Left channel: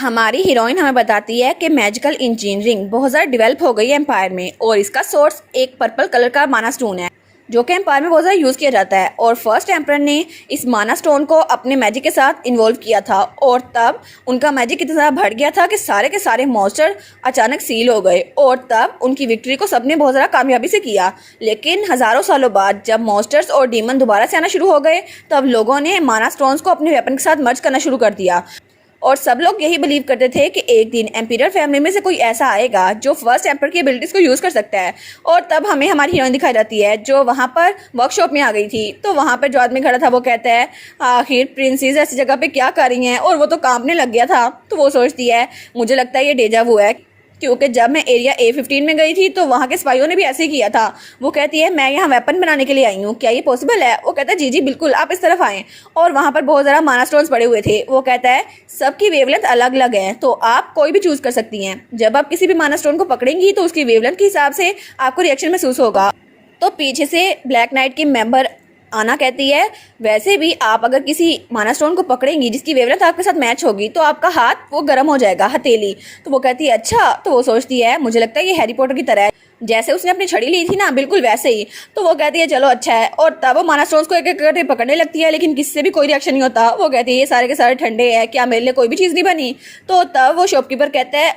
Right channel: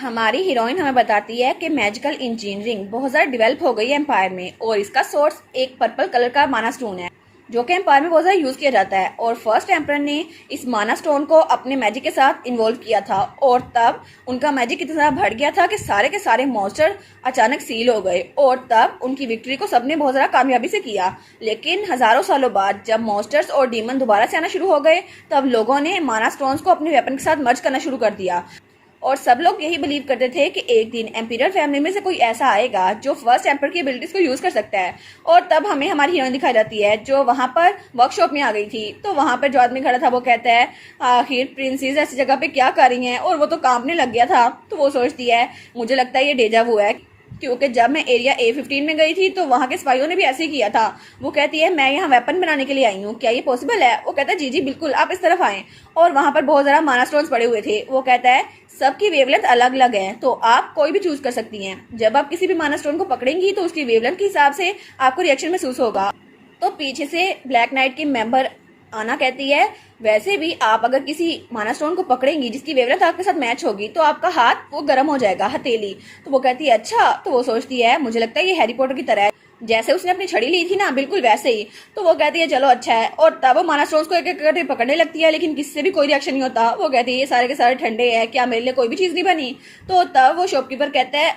हमारी हीरोइन हमें बताती है कि मैजिकल इंजीनियरिंग बहुत ज़्यादा डेवलप हो गई है एम्पायर में, और इसका सोर्स एक पर्पल कलर का माना स्टोन है जो कि एम्पायर में बहुत ज़्यादा यूज़ किया जाता है। और फर्स्ट एम्पायर ने इस माना स्टोन को अपने मैजिक के साथ इन्वॉल्व किया था, और तब उनका मैजिक इतना ज़्यादा बढ़ गया था कि सारे के सारे मॉन्स्टर अचानक सील हो गए, और तब उनकी विक्ट्री को सबने बहुत ज़्यादा कामयाबी से किया। लेकिन हज़ारों सालों बाद जब मॉन्स्टर्स और डीमन दोबारा से आना शुरू हो गए, तब लोगों ने माना स्टोन्स को अपने वेपन के साथ मर्ज करना शुरू कर दिया। और सब लोग यही बिलीव करते थे कि एक दिन एम्पीरियल फैमिली में से कोई ऐसा आएगा जो फर्स्ट एम्पर की एबिलिटीज को यूज कर सकता है। और तब हमें हमारी हीरोइन दिखाई जाती है जो वहां पर वर्कशॉप में आ गई थी। तो वहां पर जो आदमी खड़ा था वो कहता है, आखिर प्रिंसेस ऐसी जगह पे क्या कर रही हैं, और वो तो कांपने लग गया था। तो वो सोचती है, मुझे लगता है ये डेजा वू है, क्योंकि जब मैं एरिया A15 में गई थी तो वहाँ के स्पाइयों ने भी ऐसे ही किया था। वो कहती है, मैं यहाँ वेपन बनाने के लिए आई हूँ, क्या ये पॉसिबल है? वो कहता है, जी जी बिल्कुल, आप इस तरफ आएँ। और वहाँ पर बहुत ज़्यादा माना स्टोन्स पड़े हुए थे। वो कहता है, सबकी वेवलेंथ अलग अलग है, तो आप कोई भी चूज़ कर सकती हैं। जब आप किसी भी माना स्टोन को पकड़ेंगी तो उसकी वेवलेंथ के हिसाब से आपको रिएक्शन महसूस होगा। तो पीछे से ब्लैक नाइट की मेंबर आना कहती है, वैसे भी आप अगर किसी माना स्टोन को पकड़ेंगी जिसकी वेवलेंथ आपके साथ मैच होगी तो आपका हाथ वो गर्म हो जाएगा, हथेली। तो वो कहती है, अच्छा। तो वो सोचती है, मुझे लगता है ये हैरी पॉटर की तरह है, जैसे उसने अपनी छड़ी ली थी ना, बिल्कुल वैसे ही। तो वो कहती है, चलो अच्छा है। और तब वो माना स्टोन्स को एक एक करके पकड़ने लगती है, लेकिन किससे भी कोई रिएक्शन नहीं होता। वो कहती है, ये सारे के सारे ठंडे हैं, क्या मेरे लिए कोई भी चीज़ नहीं बनी? तो तब वो शॉपकीपर कहता है,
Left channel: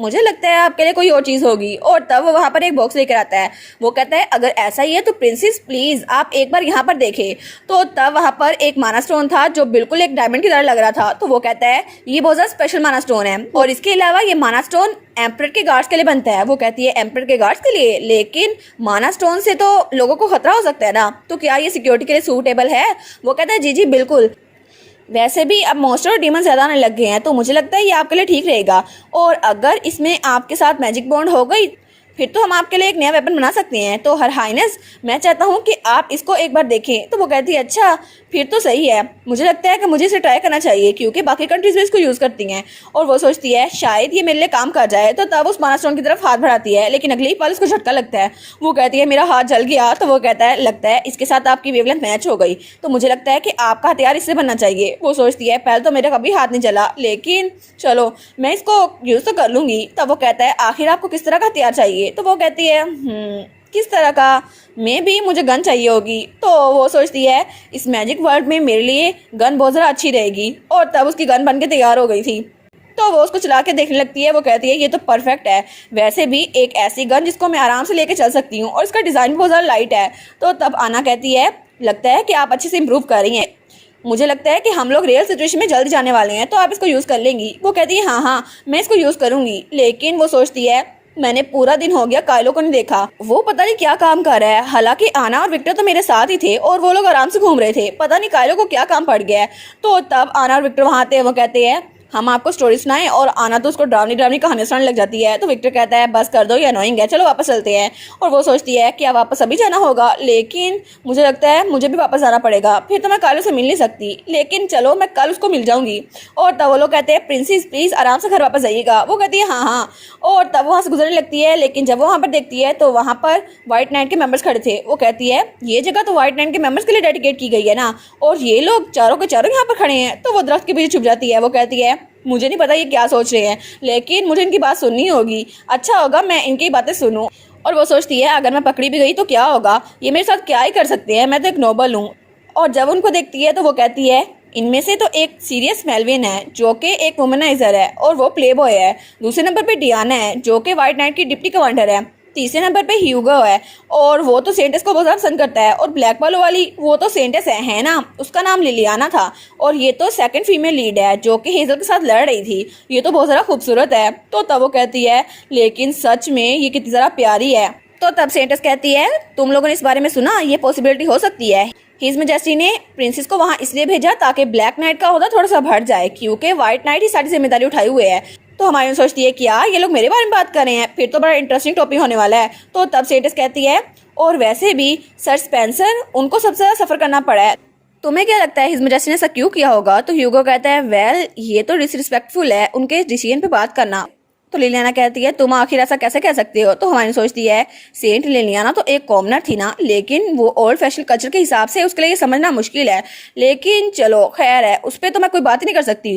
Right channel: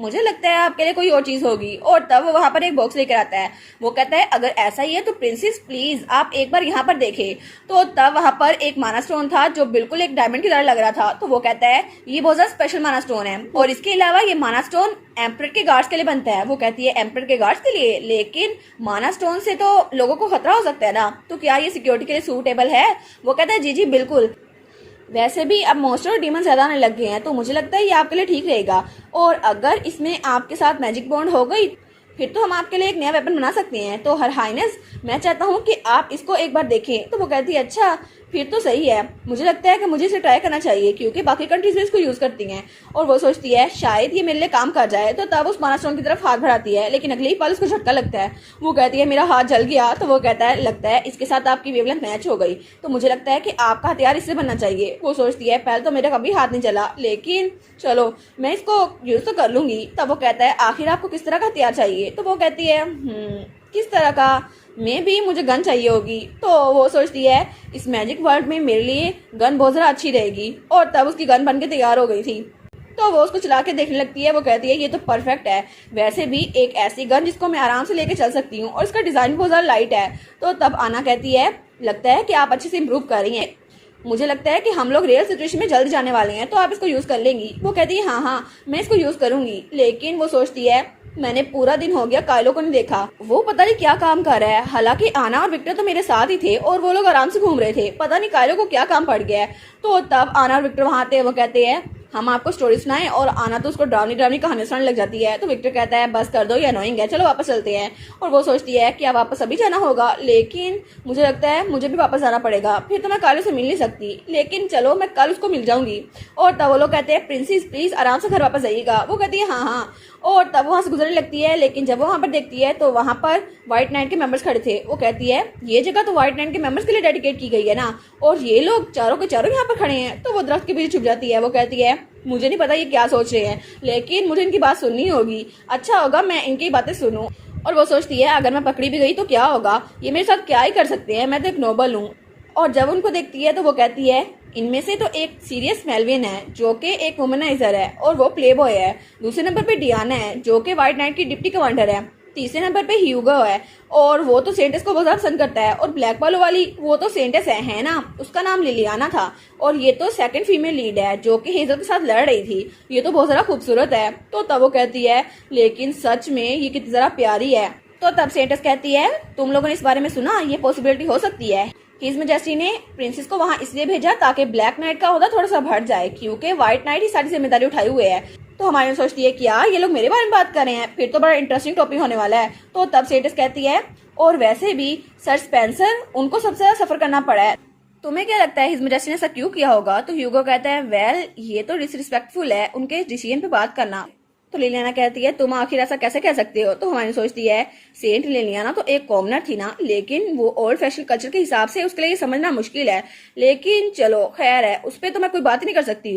मुझे लगता है आपके लिए कोई और चीज़ होगी। और तब वो वहाँ पर एक बॉक्स लेकर आता है। वो कहता है, अगर ऐसा ही है तो प्रिंसेस प्लीज़ आप एक बार यहाँ पर देखें। तो तब वहाँ पर एक माना स्टोन था जो बिल्कुल एक डायमंड की तरह लग रहा था। तो वो कहता है, ये बहुत ज़्यादा स्पेशल माना स्टोन है, और इसके अलावा ये माना स्टोन एम्परर के गार्ड्स के लिए बनता है। वो कहती है, एम्परर के गार्ड्स के लिए? लेकिन माना स्टोन से तो लोगों को खतरा हो सकता है ना, तो क्या ये सिक्योरिटी के लिए सूटेबल है? वो कहता है, जी जी बिल्कुल, वैसे भी अब मॉन्स्टर और डीमन ज्यादा आने लग गए हैं, तो मुझे लगता है ये आपके लिए ठीक रहेगा। और अगर इसमें आपके साथ मैजिक बॉन्ड हो गई फिर तो हम आपके लिए एक नया वेपन बना सकते हैं। तो हर हाइनेस, मैं चाहता हूँ कि आप इसको एक बार देखें। तो वो कहती है, अच्छा फिर तो सही है, मुझे लगता है कि मुझे इसे ट्राई करना चाहिए, क्योंकि बाकी कंट्रीज भी इसको यूज़ करती हैं। और वो सोचती है, शायद ये मेरे लिए काम कर जाए। तो तब उस माना स्टोन की तरफ हाथ बढ़ाती है, लेकिन अगली पल उसको झटका लगता है। वो कहती है, मेरा हाथ जल गया। तो वो कहता है, लगता है इसके साथ आपकी वेवलेंथ मैच हो गई, तो मुझे लगता है कि आपका हथियार इससे बनना चाहिए। वो सोचती है, पहले तो मेरा कभी हाथ नहीं चला, लेकिन चलो मैं इसको यूज़ तो कर लूंगी। तब वो कहता है, आखिर आपको किस तरह का हथियार चाहिए? तो वो कहती है, किस तरह का? मैं भी, मुझे गन चाहिए होगी। तो वो सोचती है, इस मैजिक वर्ल्ड में मेरे लिए गन बहुत ज़्यादा अच्छी रहेगी। और तब उसकी गन बन के तैयार हो गई थी। तो वो उसको चला के देखने लगती है। वो कहती है, ये तो परफेक्ट है, वैसे भी एक ऐसी गन जिसको मैं आराम से लेके चल सकती हूँ, और इसका डिज़ाइन भी बहुत ज़्यादा लाइट है। तो तब आना कहती है, लगता है कि आप अच्छे से इम्प्रूव कर रही हैं, मुझे लगता है कि हम लोग रियल सिचुएशन में जल्द जाने वाले हैं, तो आप इसको यूज़ कर लेंगी। वो कहती है, हाँ हाँ मैं इसको यूज़ करूँगी। लेकिन वो सोचती है, मैंने पूरा दिन हो गया काइलो को नहीं देखा, वो पता नहीं क्या काम कर रहा है। हालांकि आना और विक्टर तो मेरे साथ ही थे और वो लोग आराम से घूम रहे थे, पता नहीं काइलो को क्या काम पड़ गया है। तो तब आना और विक्टर वहां आते हैं। वो कहते हैं, हम आपको स्टोरी सुनाएं, और आना तो उसको डरावनी डरावनी कहानी सुनाने लग जाती है। तो विक्टर कहता है, बस कर दो, ये अनोइंग है, चलो वापस चलते हैं। और वो सोचती है, क्या वापस अभी जाना होगा? लेकिन मुझे लगता है मुझे भी वापस जाना पड़ेगा, फिर तो मैं काइलो से मिल नहीं सकती, लेकिन चलो मैं कल उसको मिल जाऊंगी। और तब वो लोग कहते हैं, प्रिंसेस प्लीज आराम से घर वापस जाइएगा। वो कहती है, हाँ हाँ। और तब वहाँ से गुजरने लगती है, लेकिन जब वो वहाँ पर देखती है तो वहाँ पर व्हाइट नाइट के मेंबर्स खड़े थे। वो कहती है, ये जगह तो व्हाइट नाइट के मेंबर्स के लिए डेडिकेट की गई है ना, और ये लोग चारों के चारों यहाँ पर खड़े हैं। तो वो दरख्त के पीछे छुप जाती है। वो कहती है, मुझे नहीं पता ये क्या सोच रहे हैं, लेकिन मुझे इनकी बात सुननी होगी, अच्छा होगा मैं इनकी बातें सुनूं। और वो सोचती है, अगर मैं पकड़ी भी गई तो क्या होगा, ये मेरे साथ क्या ही कर सकते हैं, मैं तो एक नोबल हूँ। और जब उनको देखती है तो वो कहती है, इनमें से तो एक सीरियस मेलविन है जो कि एक वुमनाइजर है और वो प्ले बॉय है। दूसरे नंबर पे डियाना है जो कि व्हाइट नाइट की डिप्टी कमांडर है। तीसरे नंबर पे ह्यूगो है और वो तो सेंटेस को बहुत ज़्यादा पसंद करता है। और ब्लैक वालों वाली वो तो सेंटेस है ना, उसका नाम लिलियाना था। और ये तो सेकंड फीमेल लीड है जो कि हेजल के साथ लड़ रही थी। ये तो बहुत ज़्यादा खूबसूरत है। तो तब वो कहती है, लेकिन सच में ये कितनी ज़्यादा प्यारी है। तो तब सेंटेस कहती है, तुम लोगों ने इस बारे में सुना, ये पॉसिबिलिटी हो सकती है। हिज मेजेस्टी ने प्रिंसेस को वहाँ इसलिए भेजा ताकि ब्लैक नाइट का ओहदा थोड़ा सा बढ़ जाए, क्योंकि व्हाइट नाइट ही सारी जिम्मेदारी उठाई हुए है। तो हमारी सोचती है, क्या ये लोग मेरे बारे में बात कर रहे हैं, फिर तो बड़ा इंटरेस्टिंग टॉपिक होने वाला है। तो तब सेंटेस कहती है, और वैसे भी सर स्पेंसर, उनको सबसे ज्यादा सफर करना पड़ा है, तुम्हें क्या लगता है हिज मेजेस्टी ने ऐसा क्यों किया होगा? तो ह्यूगो कहता है, वेल ये तो डिसरिस्पेक्टफुल है उनके डिसीजन पे बात करना। तो लिलियाना कहती है, तुम आखिर ऐसा कैसे कह सकते हो? तो हमारी सोचती है, सेंट लिलियाना तो एक कॉमनर थी ना, लेकिन वो ओल्ड फैशन कल्चर के हिसाब से उसके लिए ये समझना मुश्किल है, लेकिन चलो खैर है, उस पर तो मैं कोई बात ही नहीं कर सकती।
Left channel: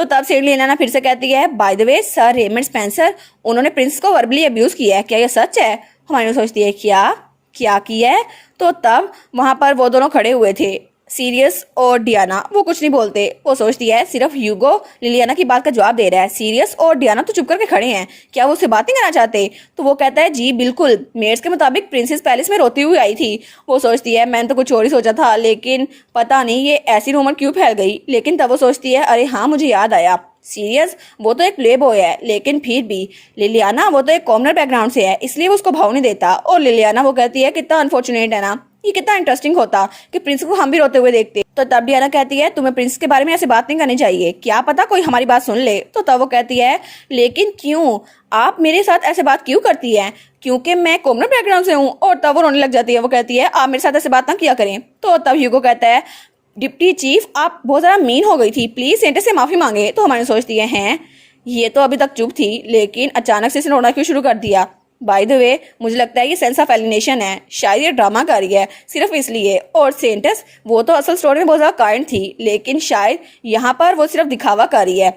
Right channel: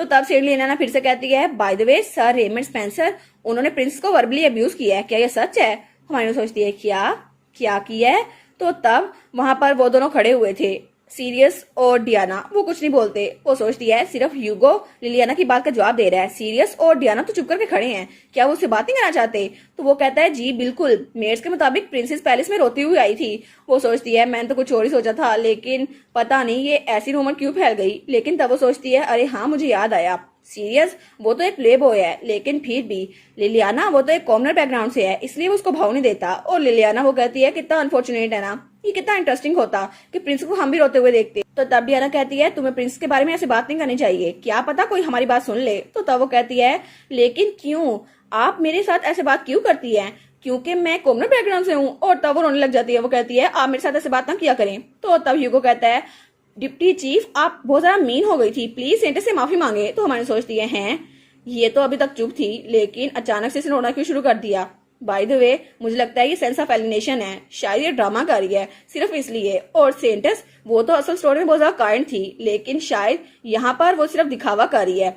तो तब लिलियाना फिर से कहती है, by the way sir Raymond Spencer उन्होंने प्रिंस को वर्बली अब्यूज किया है, क्या ये सच है? हमारी सोचती है क्या क्या किया है? तो तब वहां पर वो दोनों खड़े हुए थे, सीरियस और डियाना। वो कुछ नहीं बोलते, वो सोचती है सिर्फ ह्यूगो लिलियाना की बात का जवाब दे रहा है। सीरियस और डियाना तो चुप करके खड़े हैं, क्या वो उससे बात नहीं करना चाहते? तो वो कहता है जी बिल्कुल, मेड्स के मुताबिक प्रिंसेस पैलेस में रोती हुई आई थी। वो सोचती है मैंने तो कुछ और ही सोचा था, लेकिन पता नहीं ये ऐसी रूमर क्यों फैल गई। लेकिन तब वो सोचती है अरे हाँ मुझे याद आया, सीरियस वो तो एक प्ले बॉय है, लेकिन फिर भी लिलियाना वो तो एक कॉमनर बैकग्राउंड से है, इसलिए वो उसको भाव नहीं देता। और लिलियाना वो कहती है कितना अनफॉर्चुनेट है ना, ये कितना इंटरेस्टिंग होता कि प्रिंस को हम भी रोते हुए देखते। तो तब डियाना कहती है तुम्हें प्रिंस के बारे में ऐसे बात नहीं करनी चाहिए, क्या पता कोई हमारी बात सुन ले। तो तब वो कहती है लेकिन क्यों, आप मेरे साथ ऐसे बात क्यों करती है? क्योंकि मैं कॉमनर बैकग्राउंड से हूँ। और तब वो रोने लग जाती है, वो कहती है आप मेरे साथ ऐसे बात ना किया करें। तो तब ह्यूगो कहता है डिप्टी चीफ आप बहुत ज़्यादा मीन हो गई थी, प्लीज सेंटर से माफी मांगे। तो हमारी सोचती है हैं ये तो अभी तक चुप थी, लेकिन अचानक से इसने रोना क्यों शुरू कर दिया? बाय द वे मुझे लगता है ये सेंस ऑफ एलिनेशन है, शायद ये ड्रामा कर रही है सिर्फ इसलिए। और सेंटस वो तो असल स्टोरी में बहुत ज़्यादा काइंड थी, लेकिन शायद यहाँ पर वो सिर्फ दिखावा कर रही है।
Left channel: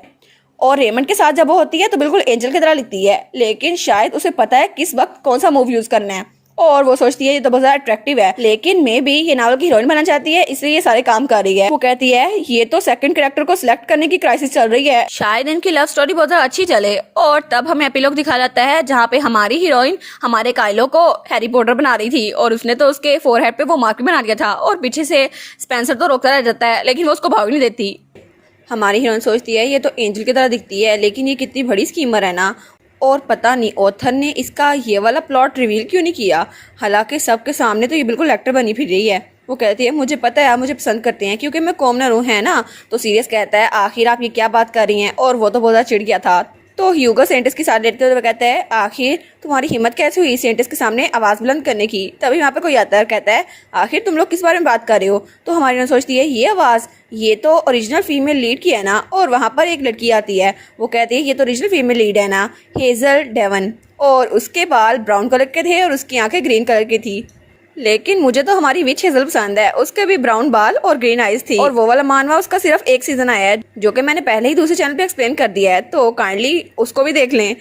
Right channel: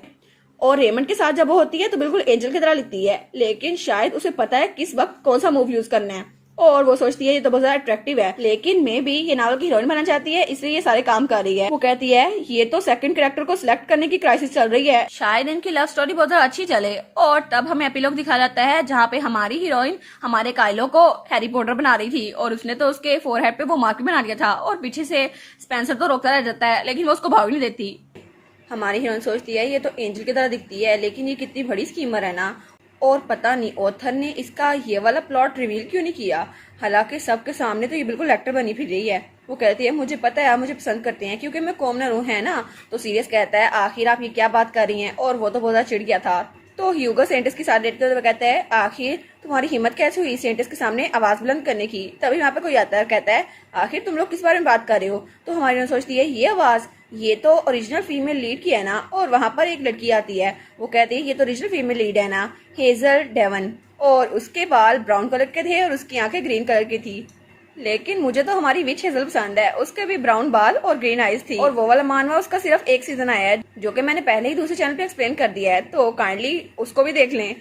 और रेमंड के साथ जब वो होती है तो बिल्कुल एंजल की तरह लिखती है, लेकिन शायद उसे पता है किस वक्त कौन सा मूव यूज करना है। और वो सोचती है ये तो बहुत ज्यादा अट्रैक्टिव है, लेकिन मे बी ये नावल की हीरोइन बनना चाहती है, इसलिए ये सारे काम कर रही है। वो कहती है ये तो सेकंड कैरेक्टर को सिलेक्ट करने की क्राइसिस चल रही है, शायद इनकी लव स्टोरी बहुत ज्यादा अच्छी चले। और तब हमें एपिलॉग दिखा जाता है जहाँ पे हमारी हीरोइन हमारे काइलो को हैरी पॉटर बना रही थी, और उसने तो उसके फोरहेड पे वो मार्क भी बना दिया था, और पीछे से स्पेंसर तो रोकता रह जाता है, लेकिन वो उसको भाग नहीं देती। हमारी हीरोइन सोचती है ये तो एंजल की तरह दिखती है, लेकिन ये कितनी बड़ी स्कीमर है ना, और पता नहीं ऑथर ने इसका ये वाला प्लॉट रिवील क्यों नहीं किया। हालांकि सबके सामने तो ये बिल्कुल एक्टर बनी फिर रही है। वो कहती है मुझे पता है आप मुझे पसंद करते हैं क्योंकि मैं कॉमनर हूँ, है ना? तो सीरियस कहता है आखिर आप ये क्या बात कर रही हैं, और वो तो बहुत ज़्यादा चिढ़ गया था। तो ह्यूगो सेंटिस की साथ लेते हुए कहता है आखिर तुम्हारी हिम्मत कैसे हुई सेंटिस के सामने आवाज़ बुलंद करने की? तभी वहाँ पे कोई आता है, कहता है आखिर तुम लोग किस बारे में बात कर रहे हो? तो हमारी ने सोचती है ये आवाज़ ये तो ओरिजिनल फीमेल लीड की है ना। और वहाँ पर एक लड़की आती है, वो कहती है ये तो ओरिजिनल फीमेल लीड है ना, हेजल डेवन, और उसके बाल ब्राउन कलर के थे और उसकी आंखें ग्रीन कलर की थी। लेकिन मुझे तो हमारी विच हेजल पसंद है, उसके भी ब्राउन बाल और ग्रीन आईज थी। और वो वाला मानवा उसका सिर्फ एक सीजन आया है, जो कि मैंने पहले ही दूसरे चैनल पे एक्सप्लेन कर दिया है, तो काइंडली उसको भी देख लें।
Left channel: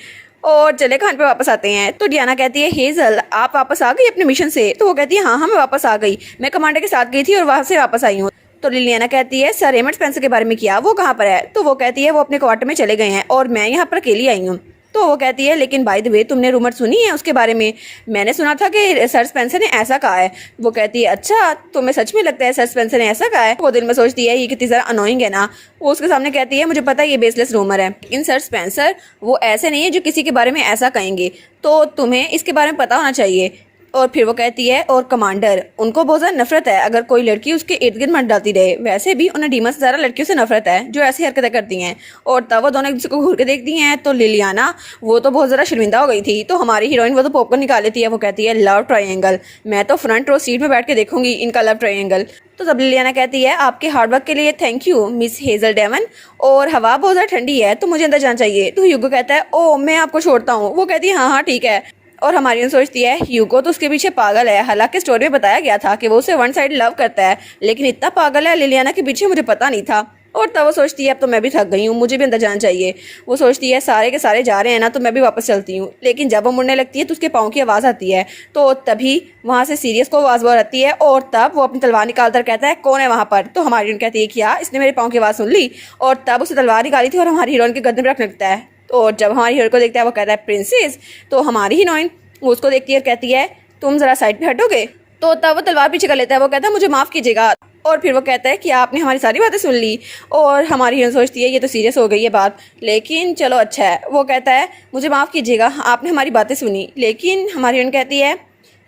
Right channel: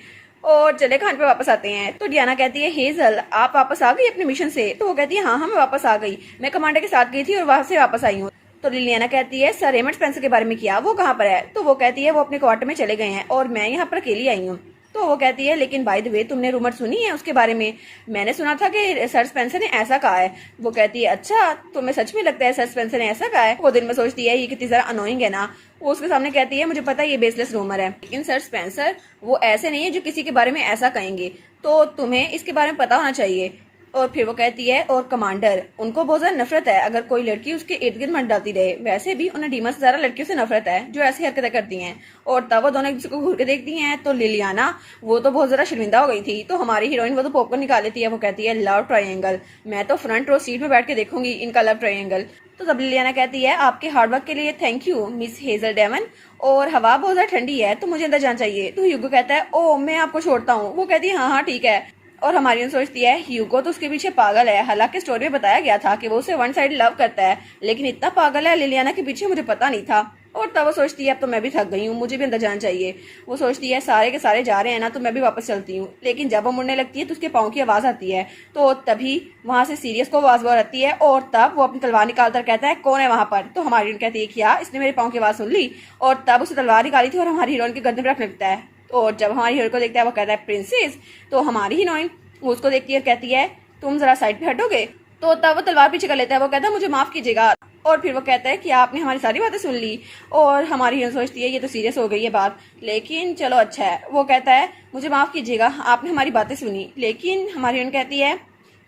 और चले खान पे वापस आते हैं, तो डियाना कहती है हेजल आप वापस आ गई अपने मिशन से? तो वो कहती है हाँ मैं वापस आ गई, मैं कमांडर के साथ गई थी और वहां से वापस आई हूँ। तो लिलियाना कहती है सर रेमंड स्पेंसर के बारे में क्या, वो कहाँ पर है? तो वो कहती है वो अपने क्वार्टर में चले गए हैं और मैं यहाँ पर अकेली आई हूँ। तो वो कहती है लेकिन बाय द वे तुमने रूमर सुनी है उसके बारे में? मैंने सुना था कि सर स्पेंसर ने ऐसा कहा है। वो कहती है अच्छा तुम्हें सच में लगता है सर स्पेंसर ने ऐसा कहा है? वो दिल में सोचती है ये कितनी ज़्यादा अनोइंग है ना। वो उसके सामने कहती है मुझे पता है ये बेसलेस रूमर है, लेकिन सर स्पेंसर वो ऐसे नहीं है जो किसी के बारे में ऐसा कहेंगे, तो तुम्हें इसके बारे में पता होना चाहिए। और फिर वो कहती है और कमांडर उनको बहुत ज़्यादा नफरत है अगर कोई लड़की उसके इर्द गिर्द मत डालती रहे, वैसे भी उन्हें डीमन से ज़्यादा लड़कियों से नफरत है जो ऐसी हरकतें करती हैं। और तब वो दोनों एक दूसरे को घूर के देखती हैं, तो लिलियाना वो तो बहुत ज़्यादा शर्मिंदा हो गई थी, तो हमारी हीरोइन वो तो पॉपकॉर्न निकाल लेती है। वो कहती है लव ट्रायंगल, मैं तो फ्रंट रो सीट में बैठ के देखूंगी इनका लव ट्रायंगल। तो तब लिलियाना कहती है आपके हार्डवर्क के लिए thank you miss Hazel Devon, और हवा बहुत ज़्यादा ठंडी है तो मुझे अंदर जाना चाहिए। तो ह्यूगो कहता है ओ मैं आपको छोड़ता हूँ। वो कहती है हाँ हाँ ठीक है। और हमारी सोचती है ह्यूगो तो उसके पीछे पागल है, हालांकि स्टोरी में बताया गया था कि वो उसे वन साइड लव करता है, लेकिन इतना पागल है लिलियाना के पीछे मुझे पता नहीं था। और तब वो सोचती है अब तो मैं भी थक गई हूँ, मुझे भी अंदर जाना चाहिए। वो सोचती है सारे के सारे जा रहे हैं ना तो मैं भी वापस चलती हूँ, लेकिन जब वो मुड़ने लगती है तो उसके पाँव की आवाज़ आती है, तो तभी वहाँ से सीरियस को आवाज़ आती है और तब वो अपनी तलवार निकालकर कहता है कौन है वहाँ पर? तो हमारी हीरोइन कहती है क्या इसने मेरे पाँव की आवाज़ सुन ली? और तब उसे तलवार निकाली थी और हमारी हीरोइन के गद्दे पर रख लगता है। और जब हमारी हीरोइन को देखता है वो कहता है प्रिंसेस, तो हमारी हीरोइन वो उसको देखती है और कहती है तुम जरा साइड पे हटोगे? तो तब वो तलवार पीछे कर लेता है, वो कहता है मुझे माफ़ कीजिएगा। और फिर वो कहता है कि आपने हमारी सारी बातें सुन ली। और हमारी हीरोइन सोचती है ये तो सीरियस हो गई है बात, लेकिन चलो अच्छा है। वो कहता है मुझे माफ़ कीजिएगा आपने हमारी बातें सुनी, लेकिन हमारी हीरोइन कहती है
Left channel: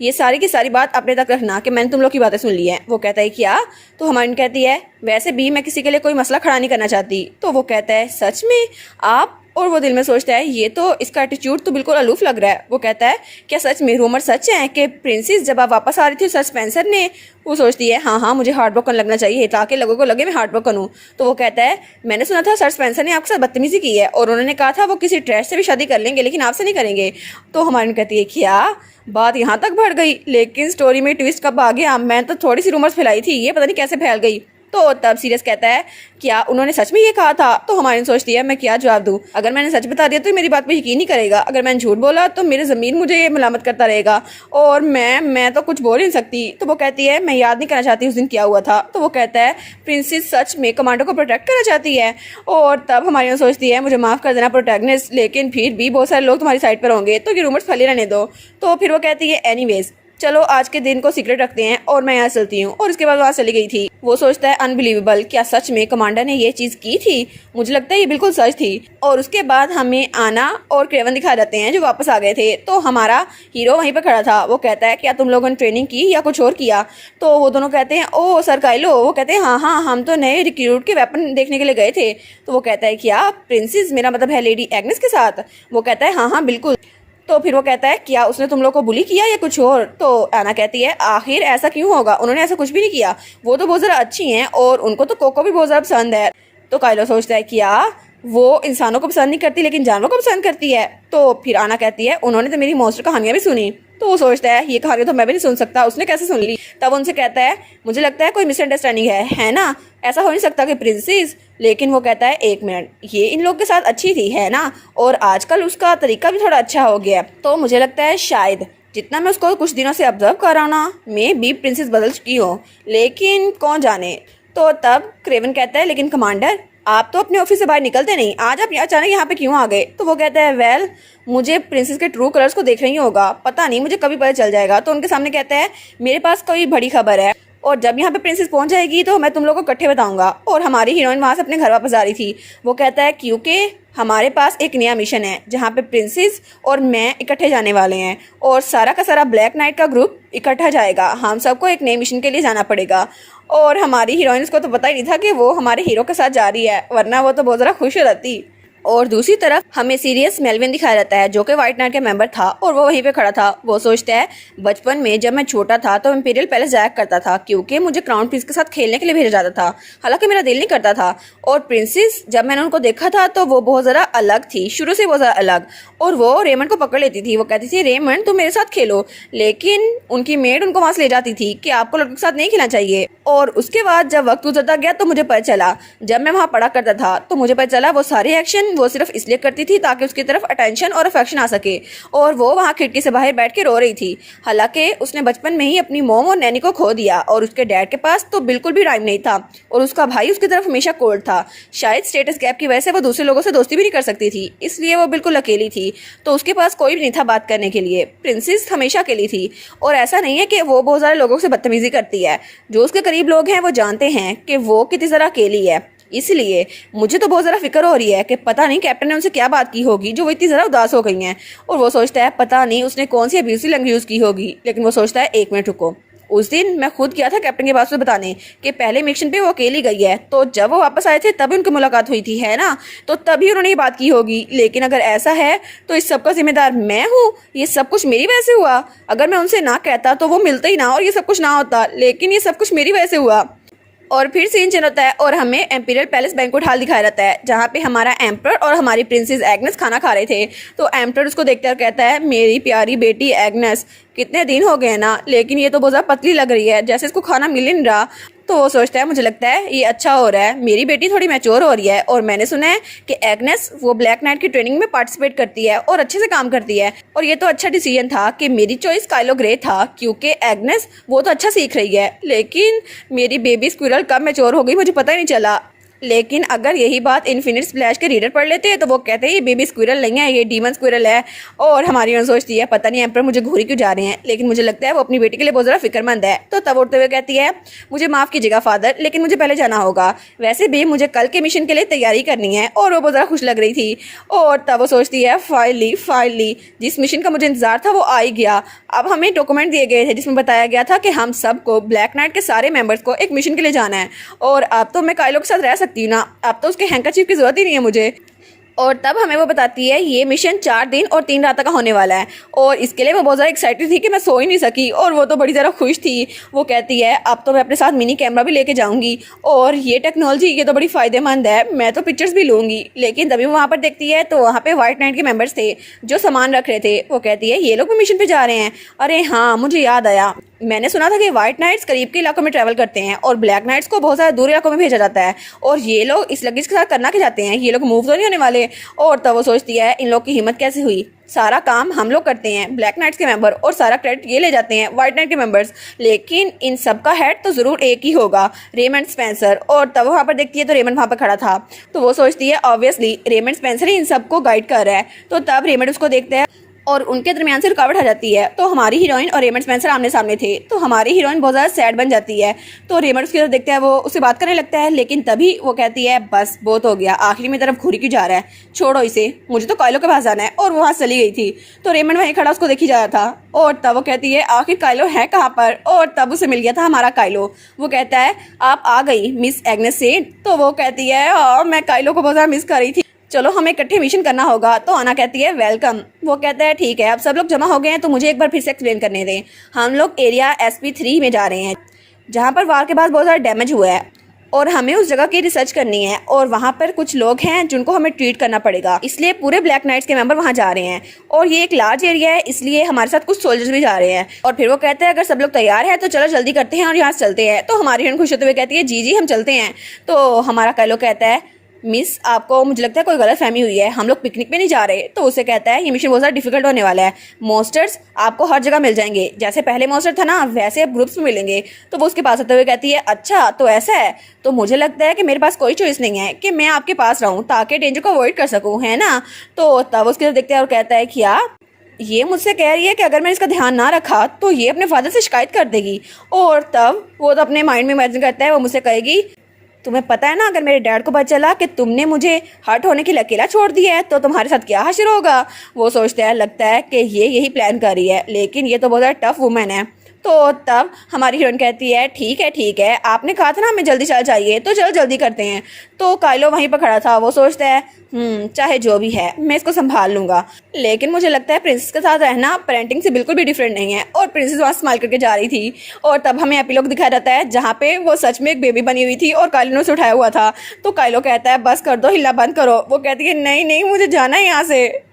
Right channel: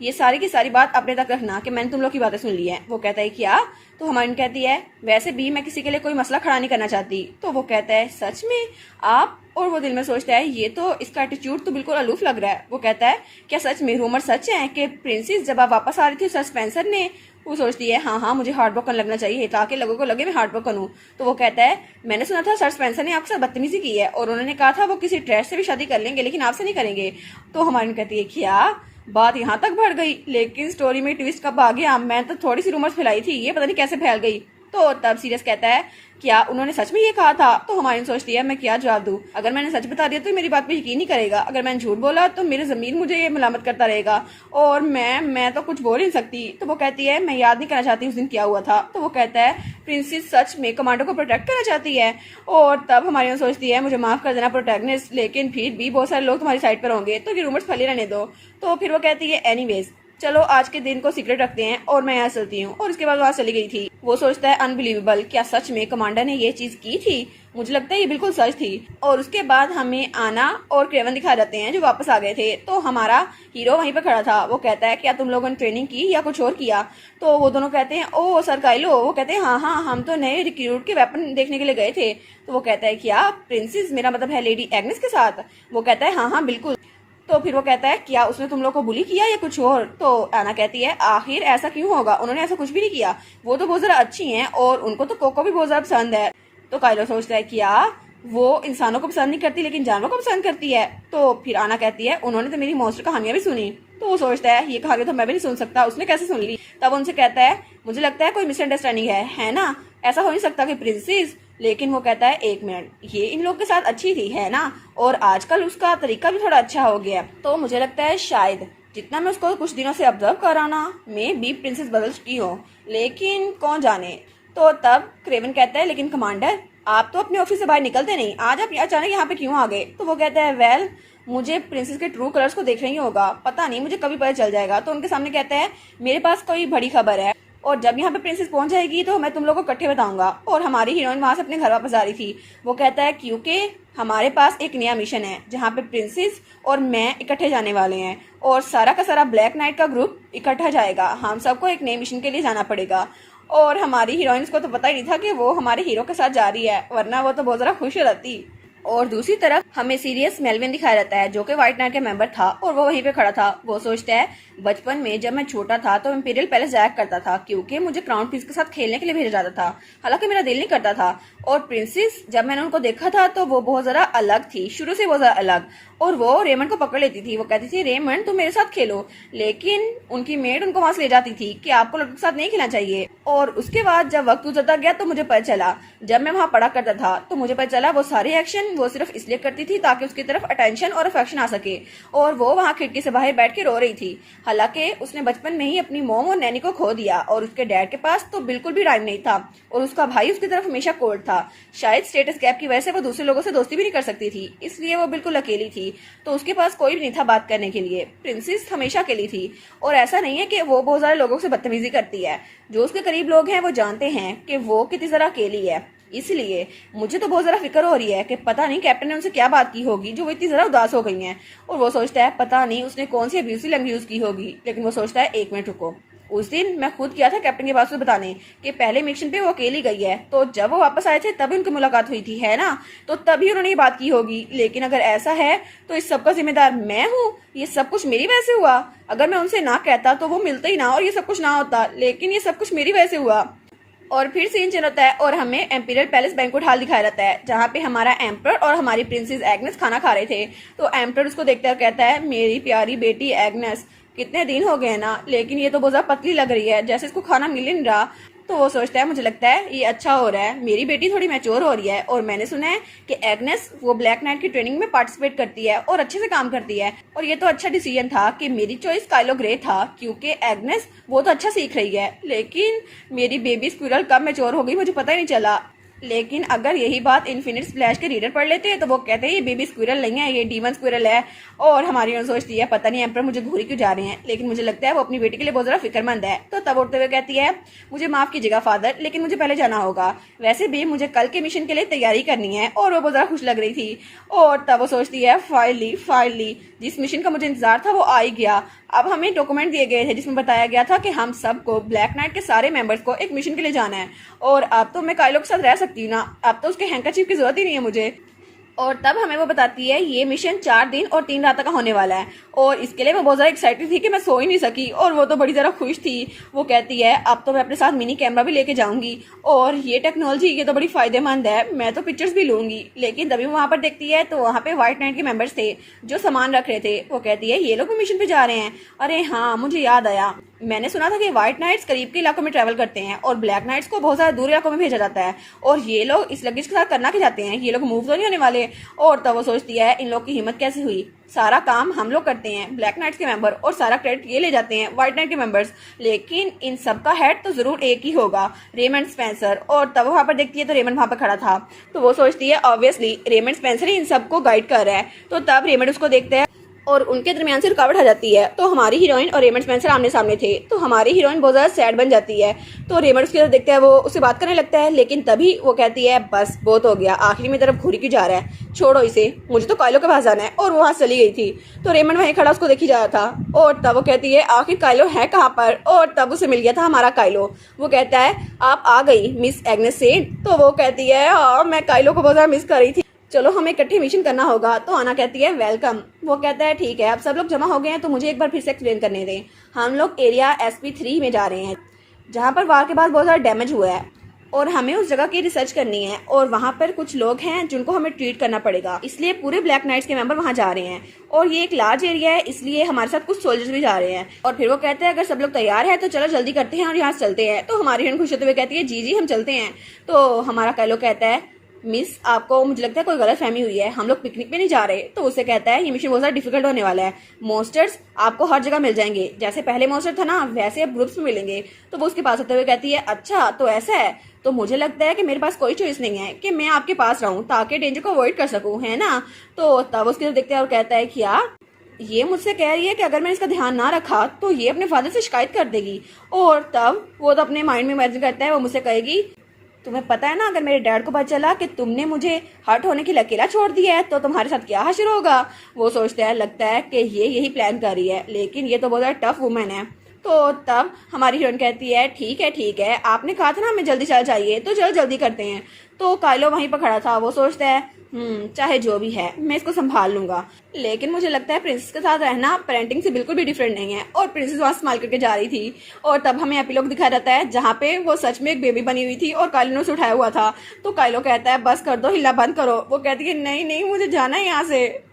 ये सारी की सारी बात अपने तक रखना कि मैंने तुम लोग की बातें सुन ली हैं। वो कहता है क्या? तो हमारी कहती है वैसे भी मैं किसी के लिए कोई मसला खड़ा नहीं करना चाहती। तो वो कहता है सच में आप? और वो दिल में सोचता है ये तो इसका एटीट्यूड तो बिल्कुल अलूफ लग रहा है। वो कहता है क्या सच में रूमर सच है कि प्रिंसेस जब आप वापस आ रही थी सर स्पेंसर ने? वो सोचती है हाँ हाँ मुझे हार्ट ब्रोकन लगना चाहिए ताकि लोगों को लगे मैं हार्ट ब्रोकन हूँ। तो वो कहता है मैंने सुना था सर स्पेंसर ने आपके साथ बदतमीजी की है और उन्होंने कहा था वो किसी ट्रैश से भी शादी कर लेंगे लेकिन आपसे नहीं करेंगे। तो हमारी कहती है क्या बात यहाँ तक बढ़ गई? लेकिन स्टोरी में ट्विस्ट कब आ गया? मैं तो थोड़ी सी रूमर्स फैलाई थी, ये पता नहीं कैसे फैल गई। तो तब सीरियस कहता है क्या उन्होंने सच में ये कहा था? तो हमारी सोचती है मैं क्या जवाब दूं, अगर मैंने सच बता दिया तो मेरी बात पे यकीन नहीं करेगा, अगर मैंने झूठ बोला तो मेरे ज़मीर मुझे ये मलामत करता रहेगा और मैं तो कुछ बोल ही नहीं सकती। तो वो कहती है मैं याद नहीं करना चाहती उस दिन क्या हुआ था। तो वो कहता है प्रिंसेस सच में कमांडो को प्रोटेक्ट करना चाहती है। और तब हमारी सोचती है मुझे माफ़ कर देना प्रोटैगनिस्ट, लेकिन फिर भी बहुत सारे लोग तुम्हारी साइड पर होंगे तो ये रूमर्स फैले रहने दो। तो फिर वो कहती है एनीवेज चलो आज के दिन को सीक्रेट रखते हैं और मैं यहाँ चलती हूँ। और उसके बाद वहाँ चली गई थी। वो सोचता है अनबिलीवेबल, क्या सच में कमांडर ने ये चीज़ की थी? मुझे लगता है ये बिल्कुल सच थी। और उसके बाद हमें आना और क्रेवन दिखा जाते हैं जो वापस आ गए थे। तो हमारा हीरो वहीं पर खड़ा था। वो कहता है क्या तुम लोगों ने ट्रेनिंग की या कुछ और किया? तो वो दोनों कहते हैं ओ सर काइलो। वो कहते हैं हाँ हाँ हम तो नए रिक्रूट के वेपन देखने के लिए गए थे। तो वो कहता है क्या प्रिंसेस, मेरा मतलब है लेडी एग्नेस के साथ? वो कहता है हाँ हाँ बिल्कुल। तो फिर वो कहता है क्या उसने तुम लोग को बुली किया या कुछ और? तो एना कहती है आखिर ऐसा क्यों होगा, उन्होंने ऐसा कुछ भी नहीं किया, वो तो बहुत ज़रा अच्छी हैं और उनको तो कोको भी बहुत ज़्यादा पसंद है। तो काइलो सोचता है क्या वो इंसानों को पसंद नहीं करती लेकिन जानवरों को पसंद करती है? तो फिर आना कहती है उन्होंने तो मेरी मॉन्स्टर कहानियां भी सुनी। तो वो सोचता है ये कहानी तो मैं भी नहीं सुन सकता, उसने कैसे सुन ली? तब उनसे कहता है मुझे लगता है कोई मिसअंडरस्टैंडिंग है ना, ऐसा हो नहीं सकता कि प्रिंसेस। लेकिन वो कहता है एक मिनट, ये इन लोग के साथ अच्छी थी है ना, और आजकल उसका तरीका भी थोड़ा अच्छा हो गया। तो मुझे लगता है शायद जितना मैं उसको कुछ दिनों से ऑब्जर्व कर रहा हूँ ना, मैं भी प्रिंसेस बदल चुकी हो, लेकिन कौन जाने। तो तब क्रेवन कहता है लेकिन कमांडर आप तो अपने ऑफिस से बाहर निकलते नहीं, आज आप अचानक यहाँ पे क्यों आ गए? तो वो कहता है वेल मुझे प्रिंसेस के ट्रू कलर्स को देखना ही होगा, पता नहीं मुझे कभी पता चल जाएगा। तो उनके सामने कहता है मेरे पास कोई बड़ी खबर है और जब यहाँ पे प्रिंसेस पहुंच जाएगी तो मैं तुम लोगों को इकट्ठे बताऊंगा। और हमारी हीरोइन वहां से अपने घर वापस आ रही थी। वो कहता है क्योंकि हमारे पास एक नया मिशन है जहाँ पे प्रिंसेस और मैं इकट्ठे जाने वाले हैं और सारा का सारा ब्लैक नाइट का ग्रुप इकट्ठा जाएगा, हम सबको एक नए मिशन के लिए जाना पड़ेगा। और हमारी हीरोइंस को तो पता ही नहीं था कि वो हमारे हीरो के साथ जा रही है, वरना वो तो बहुत ज़्यादा खुश हो जाती। और दूसरी तरफ हमें सीरियस मेलविन दिखाया जाता है जो कि व्हाइट नाइट के मेंबर था और वो वहीं पे खड़ा था। वो सोचता है बचपन में जब मैं छोटा था तो इंपीरियल पैलेस जाया करता था क्योंकि मुझे क्राउन प्रिंस के साथ खेलने के लिए भेजा जाता था, हालांकि मेरा दिल नहीं करता था। और प्रिंसेस जब मैंने उनको देखा था तो वो बहुत ज़रा अलग थी, शुरू से बहुत ज़रा अलग, और वो रेमंड को पकड़ लेती थी। वो कहती थी रेमंड तुम मेरे साथ खेलो, लेकिन उनकी मेड उनको वहाँ से ले जाती थी कि आपको लड़कों के साथ नहीं खेलना चाहिए। और उसके बाद जब वक्त गुजरता गया तो मुझे पता चला, जब मैं वहाँ पढ़ा करता था तो मुझे पता चला वो सारे एक्शन वो सिर्फ इसलिए करती थी ताकि उसकी तरफ अटेंशन और अफेक्शन आ सके, और वो वहाँ खिड़की से बाहर बैठ के रो रही थी। हालांकि उसने बचपन में ही अपनी मॉम और नैनी को खो दिया और उसके डैड के पास तो बिल्कुल भी टाइम नहीं था और उसका भाई उसकी तरफ हमेशा कोल्ड था। शायद स्टेटस गैप की वजह से वो दूसरे लोगों से दोस्ती भी नहीं कर सकती थी, इसलिए वो बिल्कुल अकेली थी, तो उसके पास कोई भी नहीं था बात करने के लिए। प्रिंसेस हमेशा अकेली थी और ऐसा नहीं है कि वो बहुत सारे लोगों से बदतमीजी करती है, जो उसके करीब लोग हैं वो जानते हैं कि वो कितनी ज़रा अकेली है। इसलिए मुझे तो बहुत ज़रा फिक्र हो रही है कि पता नहीं कैप्टन ने उनसे क्या बात की होगी जो वो इतनी ज़रा उदास हो गई हैं। और वो सोचता है पता नहीं उसने कौन सी अब्यूसिव लैंग्वेज यूज़ की होगी, लेकिन वो सोचता है एक मिनट रुको, उस दिन मैं खुद गया था कैप्टन के पास से बताने कि पहले मिशन पे वो अकेली गई है, तो जब वो वापस आए थे तभी उनकी मुलाकात हुई थी है ना, तो तभी उन्होंने ये बात की होगी। लेकिन अगर ऐसा है तो इस सब का जिम्मेदार मैं हूँ, ये सब कुछ मेरी वजह से हुआ। अगर मैं उनसे ना कहता तो वो मिलता ही ना और ये सब कुछ ना होता, लेकिन ये सब कुछ मेरी वजह से हुआ। और फिर सीन चेंज होता है और हमें एम्पीरियल पैलेस बैंक्वेट हॉल दिखाया जाता है जहाँ पे हमारा एम्पर और हमारी प्रिंसेस एग्नेस खाना खा रहे थे। तो एम्पर उसको देखकर कहता है मेरी प्यारी बेटी एग्नेस, कितने दिन हो गए ना, लेकिन ये तो बहुत ज़्यादा पतली लग रही है, जैसे इसको खाना मिल नहीं रहा। तो वो सोचता है मुझे लगता है ये अच्छा हो रहा है, मेरी बेटी थोड़ी मैच्योर हो रही है और मैंने सुना है कि एग्नेस वो ब्लैक नाइट की ट्रेनिंग में पार्टिसिपेट करती है और अच्छे से काम करती है। और ये तो अच्छा डिसीजन था कि मेरी चॉइस काइलो ग्रे था क्योंकि एग्नेस वो तो अच्छा सीख रही है, लेकिन मेरी बेबी स्क्विरल कब मैच्योर हो गई मुझे पता ही नहीं चला। लेकिन अगर यही बात इन्फिनिट स्प्लैश के रीडर पढ़ लेते हैं तो वो कहते हैं ये बेबी स्क्विरल नहीं है, ये डीमन स्क्विरल है। और हमारी सोचती है पता नहीं एम्पर मुझे घूरी क्यों जा रहे हैं, लेकिन मुझे लगता है वो अपनी बेटी के लिए बहुत ज़्यादा फिक्रमंद है। तो तब उठते हुए कहती है मुझे माफ़ कीजिएगा फादर, लेकिन मुझे पहले जाना होगा, वैसे भी मुझे कल के मिशन के लिए तैयारी करनी है। और वो बहुत ज़्यादा खुश लग रही थी। और तब वो सोचती है फाइनली जिस मिशन का मुझे इंतजार था वो आ ही गया। अब हमें डॉक्यूमेंट दिए गए थे जिसमें बताया गया था कि हम सबको ब्लैक नाइट के सारे मेंबर्स को एक मिशन के लिए जाना है, और अब तो मैं काइलो के साथ रह सकती हूँ ना, अब तो उसके हैंकरचीफ की जरूरत ही नहीं है मुझे। और तब हमें वो बताती है ये मिशन 4 दिन और 3 रात का होने वाला है, और इसके लिए वो बहुत ज़्यादा एक्साइटेड थी कि मैं सो ही नहीं सकी, और वो तो बड़ी ज़्यादा खुश थी। वो कहती है अब तो मैं अपने साथ मिनी कैमरा भी लेके जाऊंगी, और ये टेक्नोलॉजी ये तो बड़ी फ़ायदेमंद है, मैं तो पिक्चर्स भी लूँगी। लेकिन तभी वो वहाँ पर देखती है तो वहाँ पर व्हाइट नाइट के मेम्बर्स थे जो सामान रख रहे थे। वो कहती है ये लोग भी मिशन पर जा रहे हैं। अरे हाँ, मुझे याद आया, मैंने सुना था कि व्हाइट नाइट्स करीब के इलाकों में ट्रैवल करते हैं और ब्लैक नाइट्स को बहुत ज़्यादा दूर इलाकों में भेजा जाता है, और ये लोग इस लगेज के साथ करना क्या चाहते हैं, ये लोग मूव तो नहीं होने वाले। और तब वो सोचती है इन लोग की हिम्मत कैसे हुई, सारा काम हम लोग करते हैं ब्लैक नाइट्स के मेंबर, और सारा क्रेडिट ये ले जाते हैं व्हाइट नाइट के मेंबर्स, लेकिन इन सब का हेड तो ज़रूर एक ही होगा, रेमंड स्पेंसर। और तब वहाँ पर देखती है तो रेमंड वहाँ पर खड़ा था, तो वो सोचती है ऑब्वियसली रेमंड स्पेंसर ही इन सबको गाइड कर रहा है। तो तब रेमंड उसको देखते हैं और उनके दरमियान से रुकावट आ जाती है। तो हमारी हीरोइन और रेमंड स्पेंसर आमने सामने थे, तो हमारी हीरोइन बहुत ज़्यादा सैड बन जाती है। तो रेमंड उसकी तरफ देखता है, वो उससे बात करने लगता है, लेकिन तभी वो कहती है बस बहुत हो गया, आखिरी में तरफ घूरी क्यों जा रहा है, छोड़ो इसे, मुझे तो काइलो के पास जाना है। और वो वहाँ चली गई थी। तो रेमंड वहीं खड़ा उसको देखी जा रहा था, और तब वो कहती है आखिर काइलो है कहाँ पर, और तब उसे मिल गया था हमारा काइलो। वो कहता है आप आ गई मिस एग्नेस से। तो वो कहती है हाँ, मैं काइलो को बहुत ज़्यादा मिस कर रही थी, चलो हमें इकट्ठे मिशन करना होगा। तो आना कहती है वेलकम। वो कहता है ठीक है, अब सब लोग जमा हो गए हैं तो मुझे एक बार फिर से एक्सप्लेन करने दें। हम लोग एरिया SP3 में जा रहे हैं, जहाँ पर वार के बाद बहुत ज़्यादा डैमेज हुआ है, और हमें उस जगह की रिसर्च करनी है, और वहाँ पर कुछ लोग हैं जिनको हमें ट्रीट करना पड़ेगा, इसलिए पूरे ब्लैक नाइट्स के मेंबर वहाँ जा रहे हैं, और ये एक लार्ज एरिया है, इसलिए हमारे साथ कुछ सोल्जर्स भी जा रहे हैं। और फिर वो कहते हैं अगर सब लोग तैयार हैं तो चलो जल्दी करते हैं और यहाँ से चलते हैं। तो हमारी बहन खुश होते हुए कहती है जी जी हम चलते हैं। तो हमारा काइलो कहता है मिस आपको मुझे लगता है कोई गलत फहमी हुई है, हम लोग पिकनिक पे नहीं जा रहे। तो उसे कहता है ये मिशन बहुत ज़्यादा डिफिकल्ट होने वाला है, मॉन्स्टर्स आपको हर जगह मिल जाएंगे, जैसे पहले मॉन्स्टर था ना वैसे अब ग्रुप्स में मिलेंगे। तो वो उसके पास आते हुए कहती है अच्छा तो ऐसा है, तो मुझे लगता है कि मेरे पास कोई चॉइस नहीं है कि मैं आपके पास रहूँ ताकि डेंजर को अवॉइड कर सकूँ, है ना। तो तब उसके देखते हैं और कहता है क्या ये मुझसे कह रही है कि अगर मैंने इसका ध्यान ना रखा तो ये अपने फादर से शिकायत कर देगी। और तब वो तो अपने माइंड में इमेजिन करता है वो मुझसे कहेगी तुम्हें पता है ना अगर मेरे डैड को पता चला कि तुमने मुझे हर्ट होने के लिए अकेला छोड़ दिया है तो तुम्हारे साथ क्या हश्र होगा। वो सोचता है लगता है कि ये यही प्लान कर रही है, लेकिन ये तो बहुत ज़्यादा टफ वुमेन है। तो तब हमारी हीरोइन कहती है ठीक है आपने कहा था ना हमें जल्दी चल चाहिए तो चलो जल्दी करते हैं। तो काइलो वहीं पर खड़ा था, वो सोचता है चाहे जो भी है मैं इसको संभाल लूंगा, लेकिन मुझे लगता है प्रिंसेस के साथ रहना पेरेंटिंग से बिल्कुल भी डिफरेंट नहीं है। और प्रिंसेस वहाँ स्माइल करके जा रही थी, और तब हमें एपिलॉग दिखाया जाता है जहाँ पे वो सच में एक बेबी बनी हुई थी और काइलो ने उसे उठाया हुआ था। तो काइलो कहता है बस कर दो, हिलना बंद करो। वो कहती है नहीं नहीं मुझे जाना है यहाँ से।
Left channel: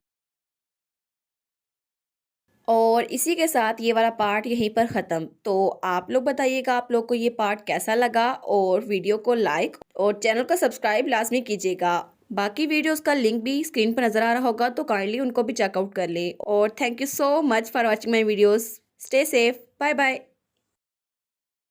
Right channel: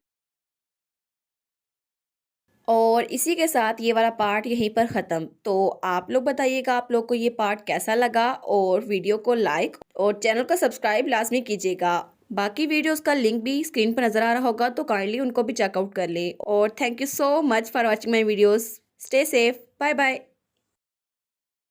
और इसी के साथ ये वाला पार्ट यहीं पर ख़त्म। तो आप लोग बताइएगा आप लोग को ये पार्ट कैसा लगा, और वीडियो को लाइक और चैनल को सब्सक्राइब लाजमी कीजिएगा। बाकी वीडियोस का लिंक भी स्क्रीन पर नज़र आ रहा होगा तो काइंडली उनको भी चेकआउट कर ले। और thank you so much for watching my videos. Stay safe, bye bye.